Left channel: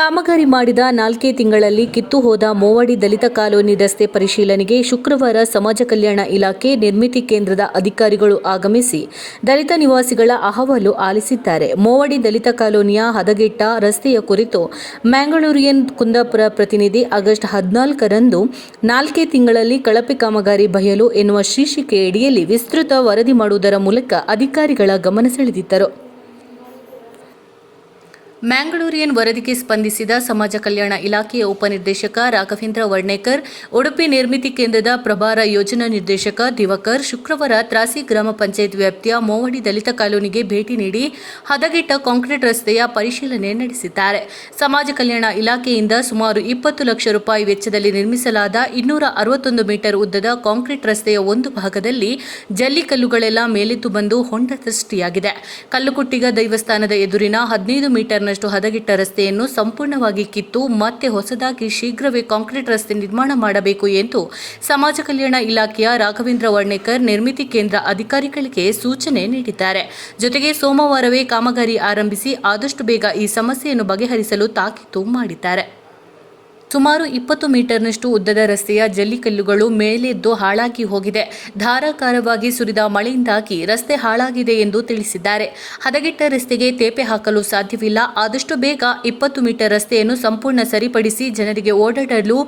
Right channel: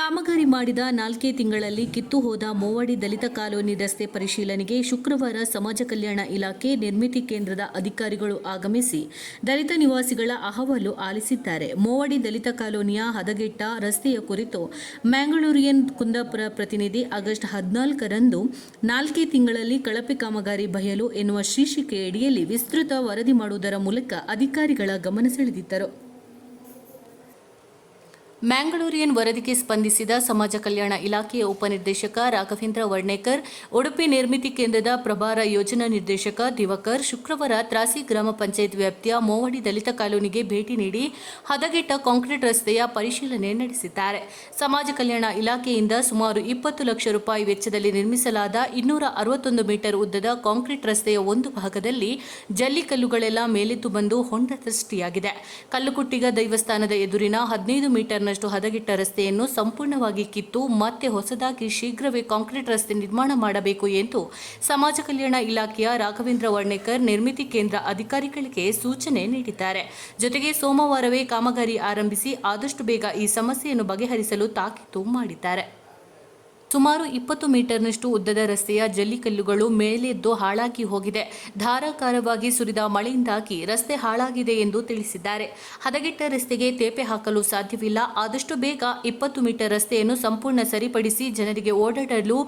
ಕಾಮಗಾರಿ ಮಾಡಿದ ನಾಲ್ಕೇ ತಿಂಗಳಲ್ಲಿ ಕಿತ್ತು ಹೋದ ಮೋವಡಿ ದಲಿತ ಕಾಲೋನಿ ರಸ್ತೆ ಪರಿಶೀಲನೆಗೆ ಶುಕ್ರವಾರ ಸಮಾಜ ಕಲ್ಯಾಣ ಇಲಾಖೆ, ನಿರ್ಮಿತಿ ಕೇಂದ್ರದ ಅಧಿಕಾರಿಗಳು ಆಗಮಿಸಿ ದಲಿತ ನಿವಾಸಿಗಳ ಅಹವಾಲು ಆಲಿಸಿದ್ದಾರೆ. ಮೋವಡಿ ದಲಿತ ಕಾಲೋನಿಯ ಹದಗೆಟ್ಟ ರಸ್ತೆಯ ಕುರಿತು ಮ್ಯಾಂಗಳೂರಿಯನ್ ಕುಂದಾಪುರ ಪ್ರತಿನಿಧಿ ಆಗಸ್ಟ್ ಹದಿನಾಲ್ಕರಂದು ನಾಲ್ಕೇ ತಿಂಗಳಲ್ಲಿ ಕಳಪೆ ಕಾಮಗಾರಿ ಬಯಲು ಎನ್ನುವ ಶೀರ್ಷಿಕೆಯಡಿಯಲ್ಲಿ ವಿಸ್ತೃತ ವರದಿ ಮಾಡುವುದರ ಮೂಲಕ ಅಧಿಕಾರಿಗಳ ಗಮನ ಸೆಳೆದಿದ್ದರು. ಮ್ಯಾಂಗಳೂರಿಯನ್ ವರದಿಗೆ ಸ್ಪಂದಿಸಿದ ಸಮಾಜ ಕಲ್ಯಾಣ ಇಲಾಖೆಯ ಉಪನಿರ್ದೇಶಕ ರಾಘವೇಂದ್ರ ವರ್ಣೇಕರ್, ಉಡುಪಿ ನಿರ್ಮಿತಿ ಕೇಂದ್ರದ ಪ್ರಭಾರ ಯೋಜನಾ ನಿರ್ದೇಶಕ ದಿವಕರ್, ಶುಕ್ರವಾರ ತ್ರಾಸಿ ಗ್ರಾಮ ಪಂಚಾಯತ್ ವ್ಯಾಪ್ತಿಯ ಮೋವಡಿ ದಲಿತ ಕಾಲೋನಿಗೆ ಭೇಟಿ ನೀಡಿ ಹದಗೆಟ್ಟ ಕಾಂಕ್ರೀಟ್ ರಸ್ತೆಯ ಪರಿಶೀಲನೆ ನಡೆಸಿದ್ದಾರೆ. ಸಮಾಜ ಕಲ್ಯಾಣ ಇಲಾಖೆಯಿಂದ ಸುಮಾರು ಇಪ್ಪತ್ತು ಲಕ್ಷ ರೂಪಾಯಿ ವೆಚ್ಚದಲ್ಲಿ ನಿರ್ಮಿಸಲಾದ ಇನ್ನೂರ ಅರವತ್ತೊಂದು ಮೀಟರ್ ಉದ್ದದ ಕಾಂಕ್ರೀಟ್ ರಸ್ತೆಯ ಒಂದು ಭಾಗದಲ್ಲಿ ಜಲ್ಲಿಕಲ್ಲುಗಳೆಲ್ಲ ಮೇಲೆದ್ದು ಬಂದು ಹೊಂಡ ಸೃಷ್ಟಿಯಾಗಿದೆ. ಕಲ್ಲುಕುಟ್ಟಿಗ ದೈವಸ್ಥಾನದ ಎದುರಿನ ಹದಿನೈದು ಮೀಟರ್ನಷ್ಟು ಹದಗಿಟ್ಟ ರಸ್ತೆಯನ್ನು ಸಂಪೂರ್ಣವಾಗಿ ಕಿತ್ತು ಮತ್ತೆ ಹೊಸದಾಗಿ ಶೀಘ್ರವೇ ಕಾಂಕ್ರೀಟ್ ರಸ್ತೆ ನಿರ್ಮಾಣ ಮಾಡಬೇಕು ಎಂದು ಸಮಾಜ ಕಲ್ಯಾಣ ಇಲಾಖೆಯ ರಾಘವೇಂದ್ರ ವರ್ಣೇಕರ್ ನಿರ್ಮಿತಿ ಕೇಂದ್ರ ಅಧಿಕಾರಿಗಳಿಗೆ ಸೂಚನೆ ನೀಡಿದ್ದಾರೆ. ಜೊತೆಗೆ ಸೋಮವಾರವೇ ಕಾಮಗಾರಿ ಆರಂಭಿಸಿ ಆದಷ್ಟು ಬೇಗ ಈ ಸಮಸ್ಯೆಯನ್ನು ಬಗೆಹರಿಸಲು ತಾಕೀತು ಮಾಡಿದ್ದಾರೆ. ಸುಮಾರು ಇಪ್ಪತ್ತು ಮೀಟರ್ನಷ್ಟು ಉದ್ದದ ರಸ್ತೆಯ ಜಲ್ಲಿಕಲ್ಲುಗಳು ಮೇಲೆದ್ದು ಹಾಳಾಗಿ ಹೋಗಿದೆ. ಧಾರಾಕಾರವಾಗಿ ಸುರಿದ ಮಳೆಯಿಂದಾಗಿ ರಸ್ತೆ ಹಾಳಾಗಿದೆ ಎಂದು ತಿಳಿಸಿದ್ದಾರೆ. ಹದಗೆಟ್ಟ ರಸ್ತೆಗೆ ತೇಪೆ ಹಾಕಲು ಸಾಧ್ಯವಿಲ್ಲ. ಆದಷ್ಟು ಬೇಗ ಇಪ್ಪತ್ತು ಮೀಟರ್ ರಸ್ತೆಯನ್ನು ಸಂಪೂರ್ಣ ಸರಿಪಡಿಸಿ ಜನರಿಗೆ ಓಡಾಡಲು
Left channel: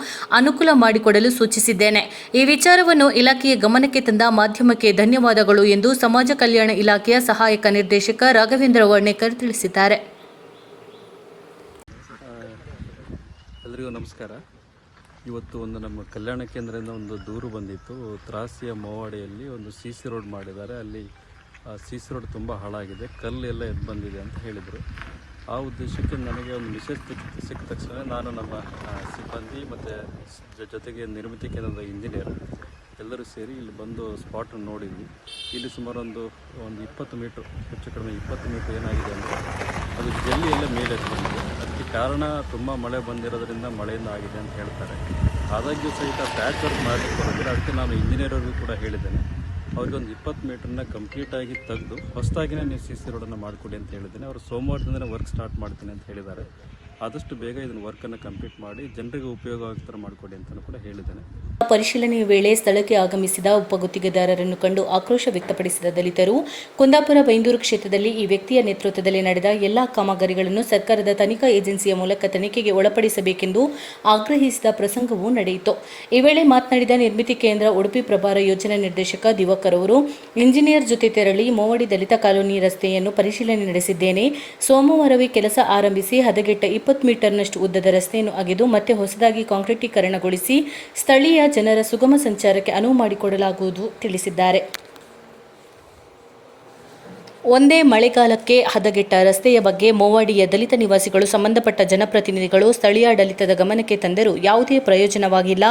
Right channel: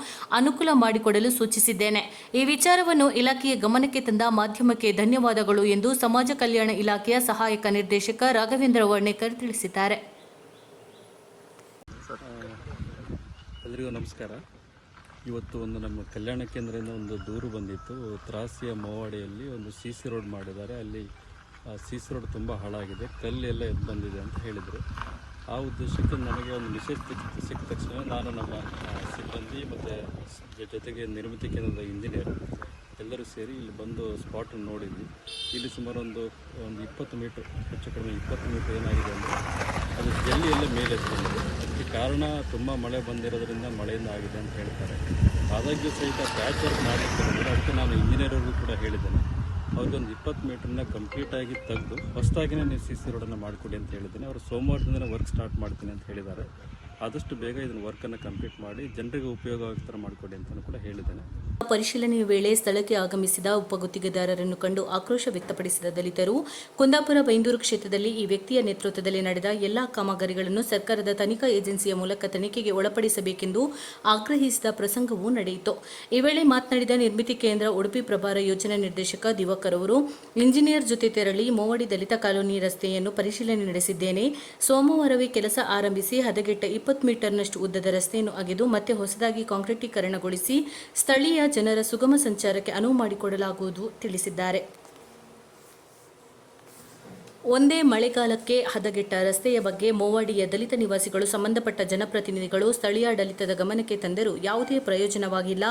ಅನುಕೂಲ ಮಾಡಿಕೊಡಲು ಸೂಚಿಸಿದ್ದೇನೆ. ಈ ವಿಚಾರವನ್ನು ಇಲಾಖೆಯ ಗಮನಕ್ಕೆ ತಂದ ಮಾಧ್ಯಮಕ್ಕೆ ಧನ್ಯವಾದಗಳು ಎಂದು ಸಮಾಜ ಕಲ್ಯಾಣ ಇಲಾಖೆಯ ಸಹಾಯಕ ನಿರ್ದೇಶಕ ರಾಘವೇಂದ್ರ ವರ್ಣೇಕರ್ ತಿಳಿಸಿದ್ದಾರೆ. ಎಲ್ರಿಗೂ ನಮಸ್ಕಾರ. ಇವತ್ತು ಒಂದು ನಮ್ಮ ಕಲ್ಯಾಣ ಕೇಂದ್ರದಿಂದ ಒಂದು ದೂರು ಬಂದಿತ್ತು. ತ್ರಾಸಿಯ ಮೋವಾಡಿಯಲ್ಲಿ ಒಂದು ಸಿ ಸಿ ರೋಡ್ ಮಾಡಿದ್ದಾರೆ. ಅಲ್ಲಿ ಸಿ ಸಿ ರೋಡ್ ತುಂಬ ಹಾಳಾಗಿದೆ. ಕಲ್ಲು ಎಲ್ಲ ಎದ್ದು ಬಂದಿದೆ ಅಂತ ಹೇಳಿದರು. ಆ ಉದ್ದೇಶಕ್ಕೆ ನನಗೆ ಒಂದು ಮೆಸೇಜ್ ಸಿಕ್ಕ ತಕ್ಷಣ ನಾನು ನಮ್ಮ ಸಿಬ್ಬಂದಿ ಮತ್ತು ಜೊತೆಗೆ ನಿರ್ಮಿತಿ ಕೇಂದ್ರದ ಇಂಜಿನಿಯರ್ ಎಲ್ಲರೂ ಸೇರಿ ಇಲ್ಲಿ ಬಂದು ಸ್ಪಾಟನ್ನು ನೋಡಿದ್ವಿ. ಇಲ್ಲಿ ಸುಮಾರು ಒಂದು ಒಂದು ಇಪ್ಪತ್ತು ಮೀಟ್ರ್, ಹೆಚ್ಚು ಕಡಿಮೆ ಇಪ್ಪತ್ತು ಮೀಟ್ರ್ ಏನಾಗಿದೆ ಅಂದರೆ ಅದು ಜಲ್ಲಿ ಎಲ್ಲ ಮೇಲೆ ಬಂದಿದೆ ಅದಕ್ಕೆ ಕಾರಣ ತುಂಬ ಮಳೆ ಬಂದಿರೋದ್ರಿಂದ ಮಳೆಯಿಂದ ಆಗಿದೆ ಅಂತ ಹೇಳ್ತಾರೆ. ಆದಾಗ್ಯೂ ಸಹಿತ ಪ್ಯಾಚ್ ವರ್ಕ್ ಮಾಡಲಿಕ್ಕೆ ಬರೋದಿಲ್ಲ ಅದಕ್ಕೆ ನಾನು ಇಂಜಿನಿಯರ್ಗೂ ಕೂಡ ಹೇಳಿದ್ದೇನೆ. ಅವ್ರಿಗೆ ಒಂದು ಇಪ್ಪತ್ತು ಮೀಟ್ರನ್ನ ಕಂಪ್ಲೀಟಾಗಿ ತೆಗೆದು, ಹೊಸದಾಗಿನೇ ನೀವು ಸಿ ಸಿ ರೋಡನ್ನು ಮಾಡಿಕೊಡಿ ಅಂತ ಹೇಳಿದ್ದೇನೆ. ಅವರು ಸೋಮವಾರದಿಂದ ವರ್ಕ್ ಸ್ಟಾರ್ಟ್ ಮಾಡ್ತೀನಿ ಅಂತ ಹೇಳಿದ್ದಾರೆ. ಆದಷ್ಟು ಬೇಗ ಇದನ್ನು ವರ್ಕನ್ನು ಕಂಪ್ಲೀಟ್ ಮಾಡಿ ಜನರಿಗೆ ಉಪಯೋಗ ಮಾಡಿಕೊಡಿ ಅಂತಲೂ ಕೂಡ ಹೇಳಿದ್ದೇನೆ. ಪರಿಶೀಲನೆಯ ವೇಳೆ ಸ್ಥಳಕ್ಕೆ ಆಗಮಿಸಿದ ಉಪಗುತ್ತಿಗೆದಾರರನ್ನು ಕಂಡು ಆಕ್ರೋಶ ವ್ಯಕ್ತಪಡಿಸಿದ ದಲಿತರು, ಕುಂದಾಪುರ ಬೈಂದೂರು ಕ್ಷೇತ್ರದಲ್ಲಿ ಈ ವ್ಯಕ್ತಿಯ ನೇತೃತ್ವದಲ್ಲಿ ನಡೆದ ಎಲ್ಲಾ ಕಾಮಗಾರಿಗಳನ್ನು ಸರ್ಕಾರದ ತನಿಖಾ ಏಜೆನ್ಸಿಯ ಮೂಲಕ ತನಿಖೆಗೆ ಒಳಪಡಿಸಬೇಕೆಂದು ಆಗ್ರಹಿಸಿದ ಪ್ರಸಂಗವೂ ನಡೆಯಿತು. ಈ ವೇಳೆ ಮಾತನಾಡಿದ ನಿರ್ಮಿತಿ ಕೇಂದ್ರ ಉಡುಪಿ ಪ್ರಭಾರ ಯೋಜನಾ ನಿರ್ದೇಶಕ ದಿವಾಕರ್ ಅವರು, ಇಂಜಿನಿಯರ್ ಜೊತೆ ತೆರಳಿ ಮೋವಡಿ ದಲಿತ ಕಾಲೋನಿ ರಸ್ತೆಯನ್ನು ಪರಿಶೀಲನೆ ನಡೆಸಿದ್ದೇನೆ. ಸೋಮವಾರವೇ ಕೆಲಸ ಆರಂಭಿಸಿ ಹದಗೆಟ್ಟ ಇಪ್ಪತ್ತು ಮೀಟರ್ನಷ್ಟು ಉದ್ದದ ರಸ್ತೆಯನ್ನು ಅಗೆದು ಮತ್ತೆ ಹೊಸದಾಗಿ ಕಾಂಕ್ರೀಟೀಕರಣಗೊಳಿಸಿ ಸ್ಥಳೀಯ ಜನರ ಸುಗಮ ಸಂಚಾರಕ್ಕೆ ಅನುವು ಮಾಡಿಕೊಡಲಾಗುವುದು ತಿಳಿಸಿದ್ದಾರೆ. ಒಂದೇ ಮಳೆಗಾಲಕ್ಕೆ ಹದಗೆಟ್ಟ ರಸ್ತೆಯ ಬಗ್ಗೆ ಮೋವಾಡಿಯ ದಲಿತ ನಿವಾಸಿಗಳು, ಸಂಬಂಧಪಟ್ಟ ಜನಪ್ರತಿನಿಧಿಗಳು ಸ್ಥಳೀಯಾಡಳಿತದ ಗಮನಕ್ಕೆ ತಂದರೂ ಯಾವುದೇ ಪ್ರಯೋಜನವಾಗಿಲ್ಲ.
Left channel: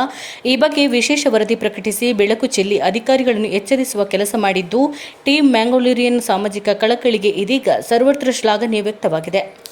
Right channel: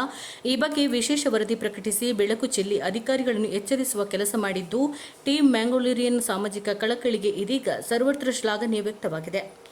ಈ ಬಗ್ಗೆ ವಿಶೇಷ ವರದಿ ಪ್ರಕಟಿಸಿ ಬೆಳಕು ಚೆಲ್ಲಿ ಅಧಿಕಾರಿಗಳನ್ನು ಎಚ್ಚರಿಸುವ ಕೆಲಸ ಮಾಡಿದ್ದು, ಟೀಮ್ ಮ್ಯಾಂಗೋಲೂರಿಯನ್ ಸಾಮಾಜಿಕ ಕಳಕಳಿಗೆ ಇದೀಗ ಸರ್ವತ್ರ ಶ್ಲಾಘನೀಯ ವ್ಯಕ್ತವಾಗಿದೆ.